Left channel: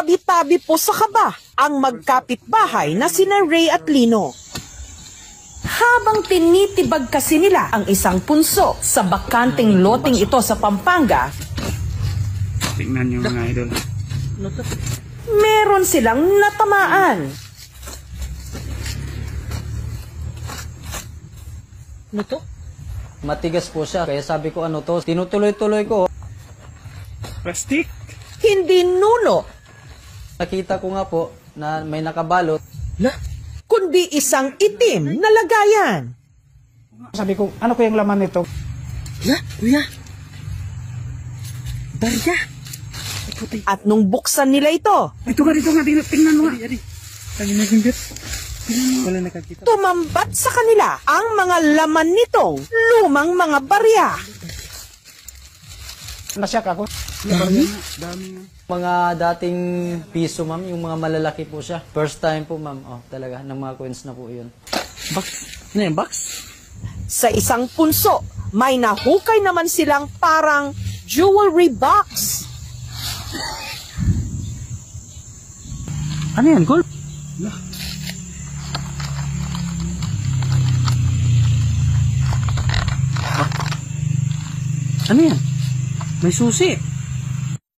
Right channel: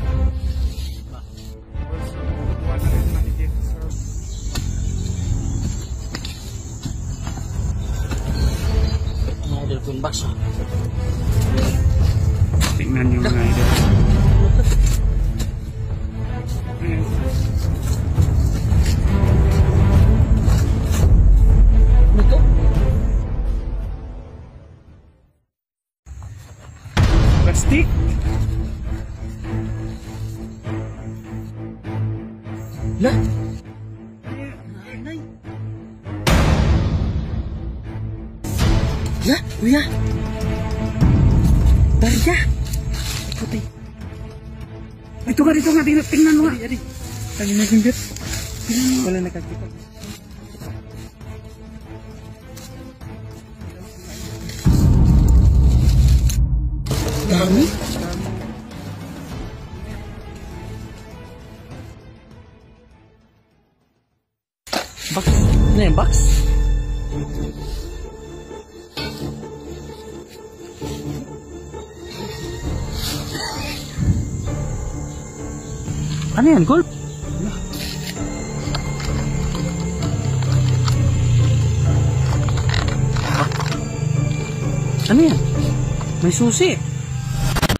Tabi-tabi po sa kaba ang magkapitbahay na sina Ray at Lino. Habang tinitibag kasi nila ang isang punso sa bakanting loting ito sa Pampanga, tingnan nyo mga idol. meron silang natamaan. Ano to? Matigas po siya, kaya sabi ko ano to, tinutuloy-tuloy ko. Plastic? Hindi nuno, Nakita ko nga po na may nakabalot. kundi isang itim na lagayan. Sabi ko, ano ko yung laman nito? Kuya! Darya! At nung buksan nila ito, Dito nga, tingnan mo nga. Tangin na yung wala nakakita. tumambat sa kanila ang mga laman nitong lumang mga barya. Nasyak ako. Mga dating piso, ma'am, yung mga malalaki po siya. First time po, ma'am. Oh, talaga, ng mga coins na po yun. Box? Ano yung box? Sa isang punso, may nahukay naman silang parang jewelry box. Ano yan, gold? Ano yan? May susi.